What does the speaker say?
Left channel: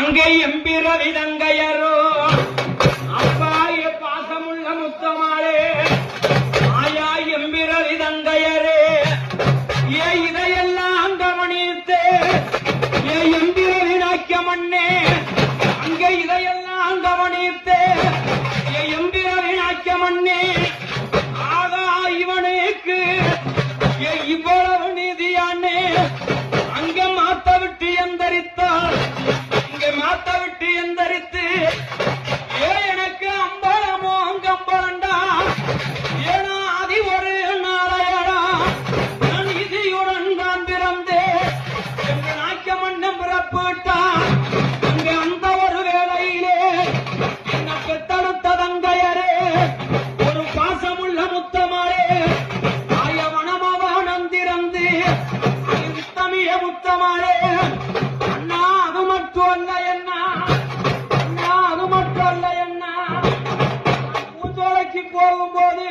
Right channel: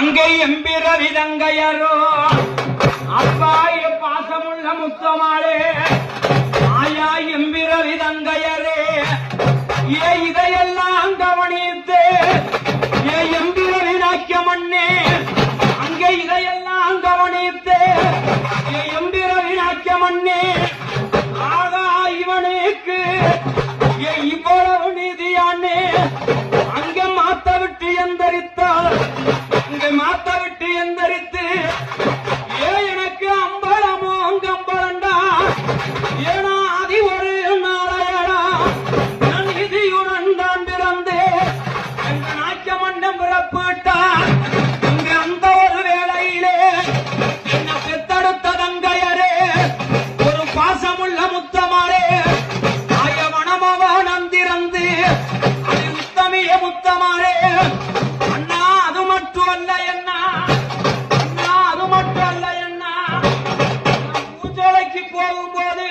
அங்கே எம்பிர விதங்கையரோ அப்பாய பாசமுள்ள முத்தமாளே ஆயா எம்பிர விதங்கையரே ஏ இதையெல்லாம் கவனித்தே ஏ எம்பிர வினாக்கியமண்ணே அங்கே இதையெல்லாம் கவனித்தே ஏ எம்பிர வினாக்கியமண்ணே ஆகா இவனுக்கு இவ்வளவு நீதியானே அங்கே மாத்த விட்டு எந்தரித்தார் இங்கே மாத்த விட்டு எந்தரித்து எனக்கு அம்பளமோ அங்கம்பளண்டா ஏனா அதி ஒரு நாளையடா நான் விதியுடன் தான் பிறந்தே எங்க நாச்சமண்ணம் பிறப்பிட்டா இங்க அந்த ஒரு வேளையிலே என்ன பெத்தெடுத்த தங்கையரே ஒரு பாசமுள்ள முத்தமாரே ஆயவனமவானந்திறந்து அது உத்தமிய முத்தமாரே அண்ணா அது மட்டும் அல்ல என்ன அண்ணா அது மட்டும் அல்ல என்ன பூஞ்சோலைக்கு போகும்போது